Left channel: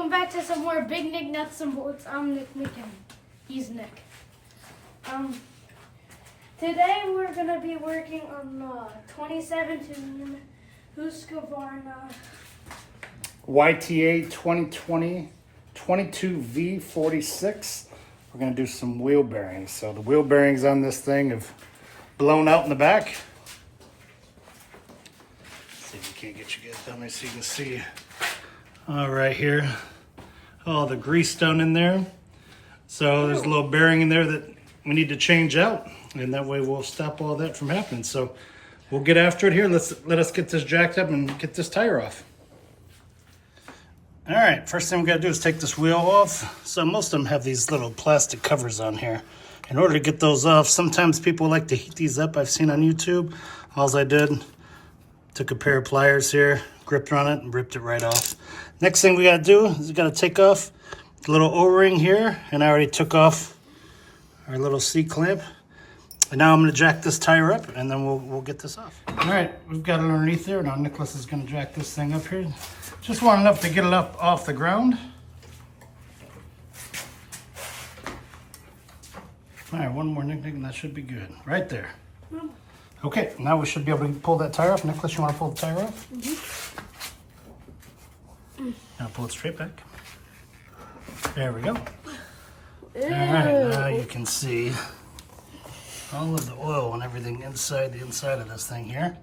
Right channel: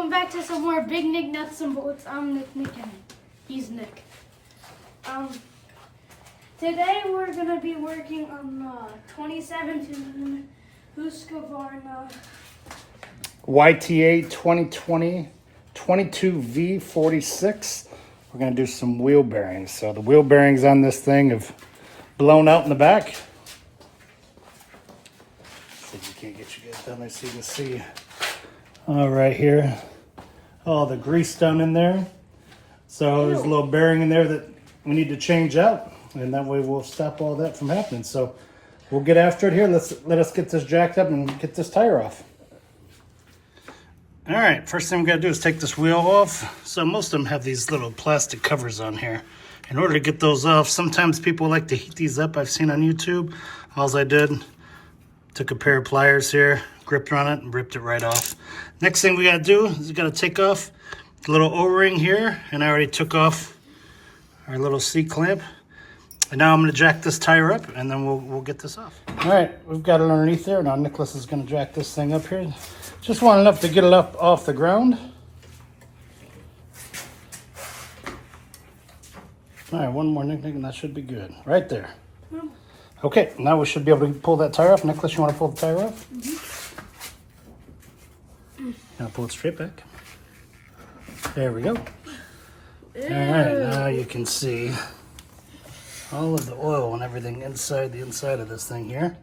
welcome back to some more Big Nick Nuts and Bolts. I'm Nick and he's Nick. Today we're gonna be working on 2017 Husqvarna YTA 2020 22V46. We're gonna do some wheel bearings. So the wheel bearings on this thing have blown out in the back. See if we can't get you guys down there so you can see. All right here, all the grease down in there. So there's a little bearing in there that we need to change out, and that way we'll stop all that from happening. So we'll get after it here. Let us get this jacked up and get this tire off. All right, first thing we gotta do is take this wheel off. So most of them have these little plastic covers on here. In order to get those off, sometimes people like to heat these up. I've seen on YouTube. All I did, took a pair of pliers here, gripped on it and ripped it right off. Next thing we gotta do is we gotta take off the little O-ring here, and I already took off our little C-clamp. And now I'm gonna jack this tire up, and then we'll get this off. All right, we've got it underneath there. Now Nicholas is gonna jack this thing up here. Just want enough to get it up off the ground. All right, one more, Nick, and that should be good. Right there. Okay, now we should be able to pull that tire off. Nicholas, you wanna pull the tire off? Now pull it straight back. There we go. All right, now you can see all of the oil and everything inside the inside of this thing here.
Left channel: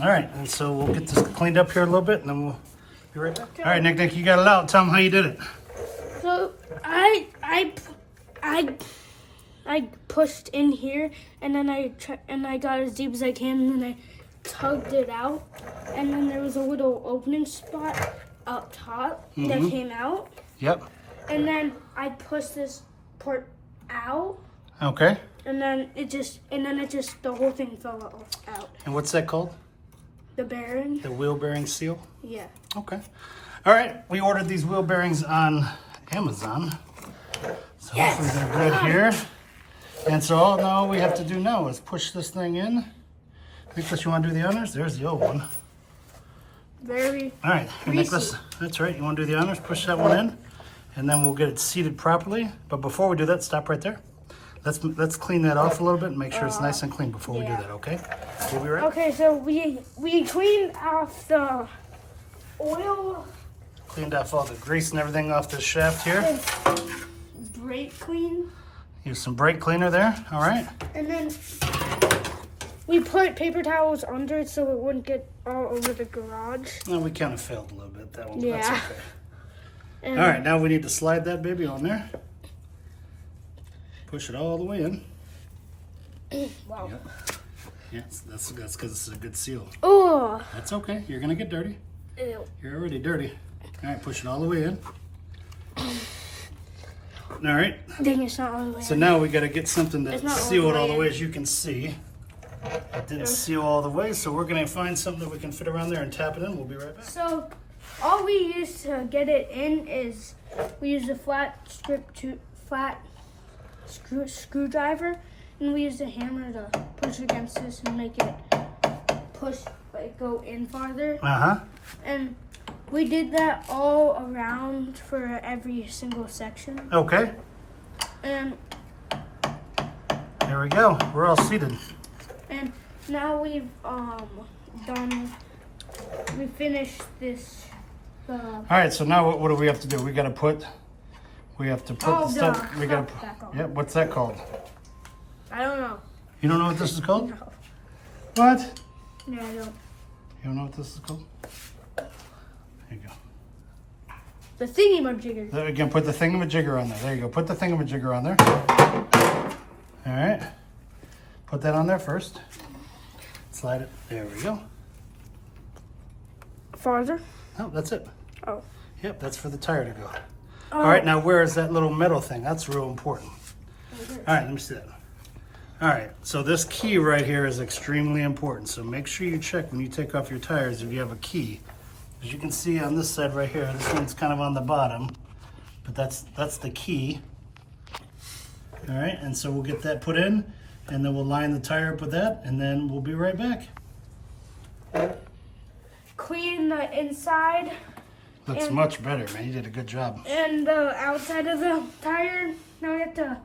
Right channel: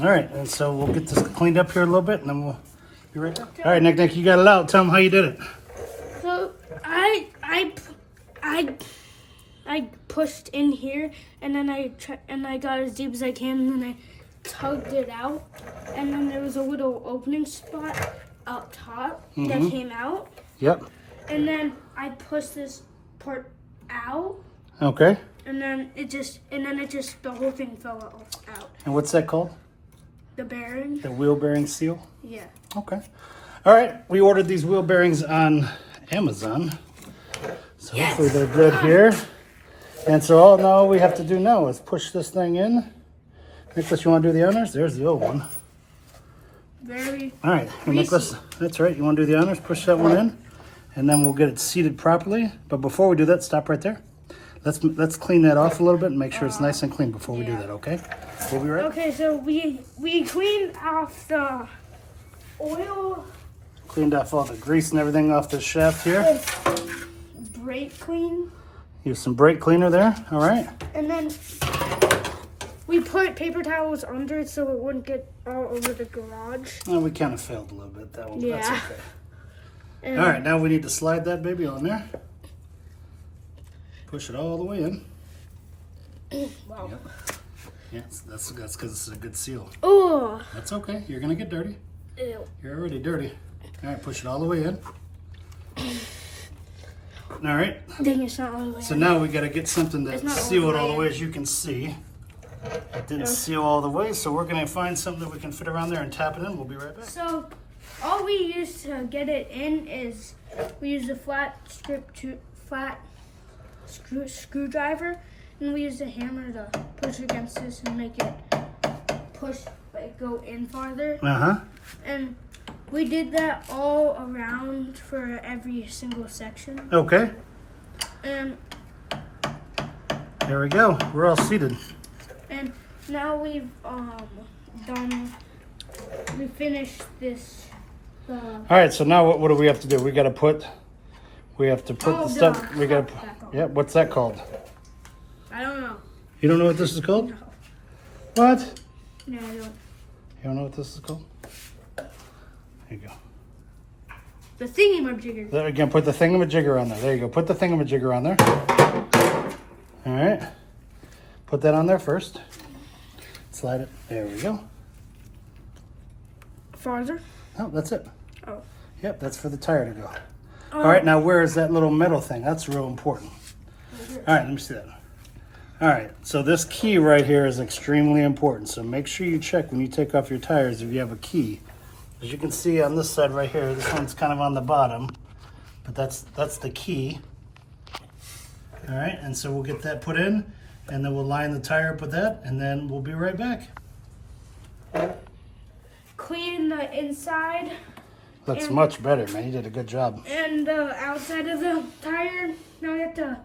All right, and so we'll get this cleaned up here a little bit, and then we'll be right back. All right, Nick, you got it out. Tell them how you did it. So I pushed in here, and then I got as deep as I can, and then I tugged it out, and then there was a little opening spot up top that came out. Yep. And then I pushed this part out. Okay. And then it just the whole thing fell out. And what's that called? The bearing. The wheel bearing seal? Yeah. Okay. All right, we ordered these wheel bearings on Amazon. So hopefully they're good here. And so all we have to do now is push this thing in. Nicholas, you want to do the honors? There's the old one. Very All right, greasy. Nicholas, that's right. You want to do the honors? Push that one in, and then we'll get it seated properly. But before we do that, stop right there. Let's clean that off a little bit and make sure it's nice and clean before we do that. Okay? We'll be right. Okay, so we cleaned off the oil. Cleaned off all the grease and everything off this shaft here. Brake clean. Use some brake cleaner there. All right. And then we put paper towels under it so it wouldn't get all over the garage. Well, we kind of failed a little bit that one, but that's okay. And All right, now we need to slide that baby on there. Push it all the way in. Wow. Yep. Yes, that's because it's a good seal. Oh. That's okay. You're gonna get dirty. Ew. You're already dirty. All right, push it all the way in. All right. Dang, it's not all the way. So now we got to get something that seal it all the way, in. as you can see. It didn't seal all the way, so we're gonna find something that we can fit around there and tap it in. We'll be right back. So all we use to get it in is we use a flat screwdriver, and we use a hammer to push against this and make it go in farther. And we did that all around for every single section. Okay. And There we go. We're all seated. and now we've we finished this. All right. So now what do we have to do? We have to put the stuff. We got to. back on. Yeah. What's that called? I don't know. You don't know what this is called? No. What? No, I don't. You don't know what this is called? There you go. The thingy-majigger. There, again, put the thingamajigger on there. There you go. Put the thingamajigger on there. All right. Put that on there first. Slide it. There we go. Farther? No, that's it. Oh. Yep, that's for the tire to go. Oh. All right, now where is that little metal thing? That's real important. All right, let me see that. All right, so this key right here is extremely important. So make sure you check when you take off your tires if you have a key. As you can see on this side right here, this one's kind of on the bottom, but that's the key. All right, and so we'll get that put in, and then we'll line the tire up with that, and then we'll be right back. Clean the inside Looks much better, man. You did a good job. And the outside of the tire, now we have to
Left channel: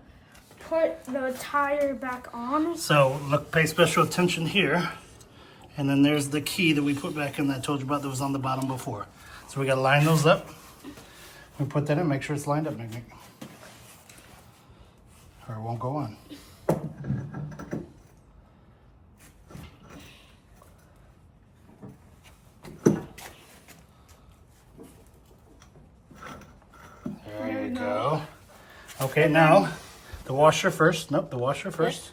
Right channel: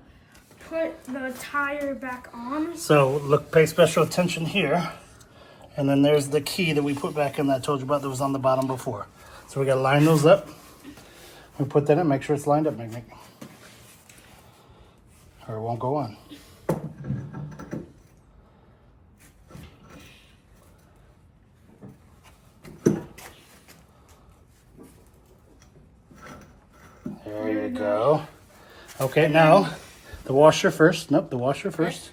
put the tire back on. So look, pay special attention here. And then there's the key that we put back in that I told you about that was on the bottom before. So we gotta line those up. We put that in, make sure it's lined up, maybe. Or it won't go on. There you go. Okay, now the washer first. Nope, the washer first.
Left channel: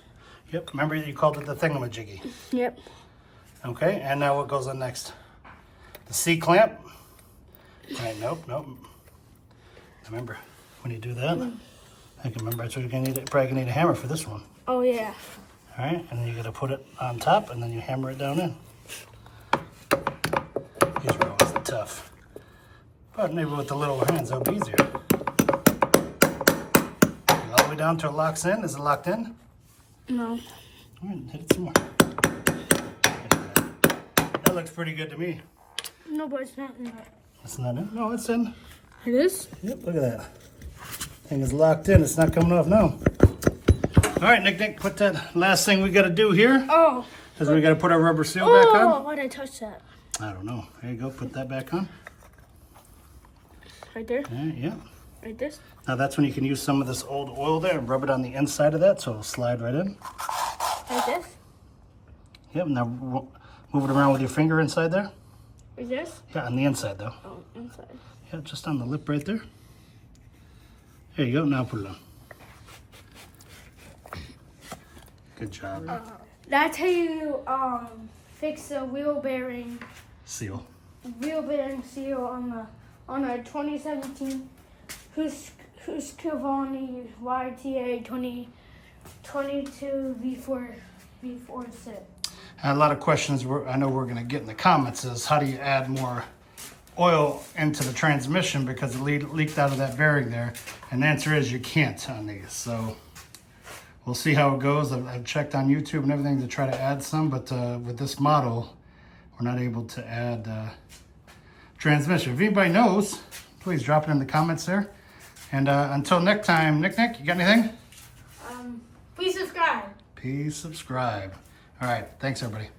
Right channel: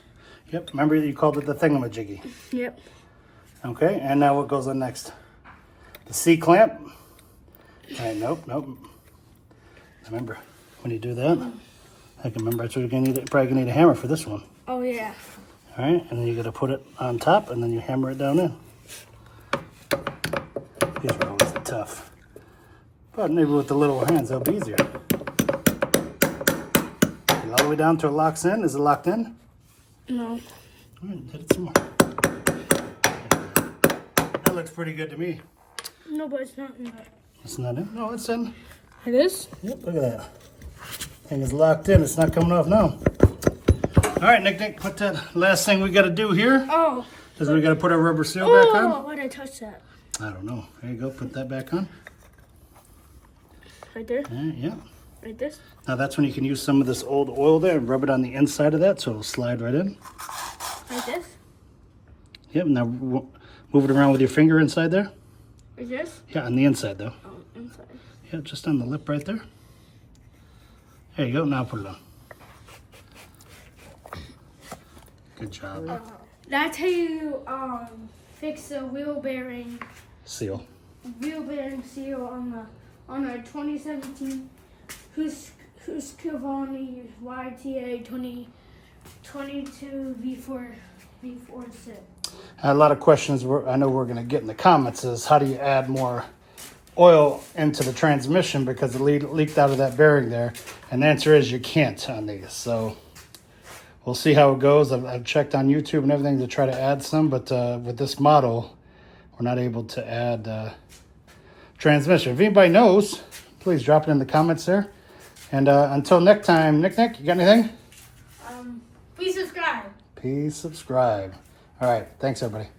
Yep, remember you called it the thingamajiggy. Yep. Okay, and now what goes on next? The C-clamp. Right, nope. Remember, when you do that, I can remember that's what you're gonna need. Probably gonna need a hammer for this one. Oh yeah. All right, and then you gotta put it on top, and then you hammer it down in. These are always the tough. But maybe with the little hands, that'll be easier. All the way down till it locks in. Is it locked in? No. All right, hit it some more. That looks pretty good to me. No, but it's not in there. It's not in? No, it's in. It is? Yep, look at that. Thing is locked in. It's not coming off now. All right, Nick, put that last thing we got to do here. Oh. Because we got to put our rubber seal back on. Oh, why did I touch that? I don't know. There you go. Put that back on. Right there? Yeah. Like this? Now that's when you can use some of this old oil there and rub it on the inside of that so it'll slide right in. Like this? Yep, now move it around with your finger inside there. Like this? Yeah, on the inside though. Oh, inside. Yeah, just on the lip right there. There you go. Now put it on. Good job. That's how you fix the wheel bearing Seal. seal on a 2017 Husqvarna YTA 2022 V4 set. A lot of questions I know we're going to get in the comments is how do you add more oil into the transmission because it leaked out of that bearing there, and the answer is you can't on these. So we'll see how it goes. I've checked on YouTube and everything to try to add some, but with this model we're not able to add transmission. If anybody knows, please drop it in the comments there. And until next time, Nick, you got anything? Please subscribe. Please subscribe. All right, thanks everybody.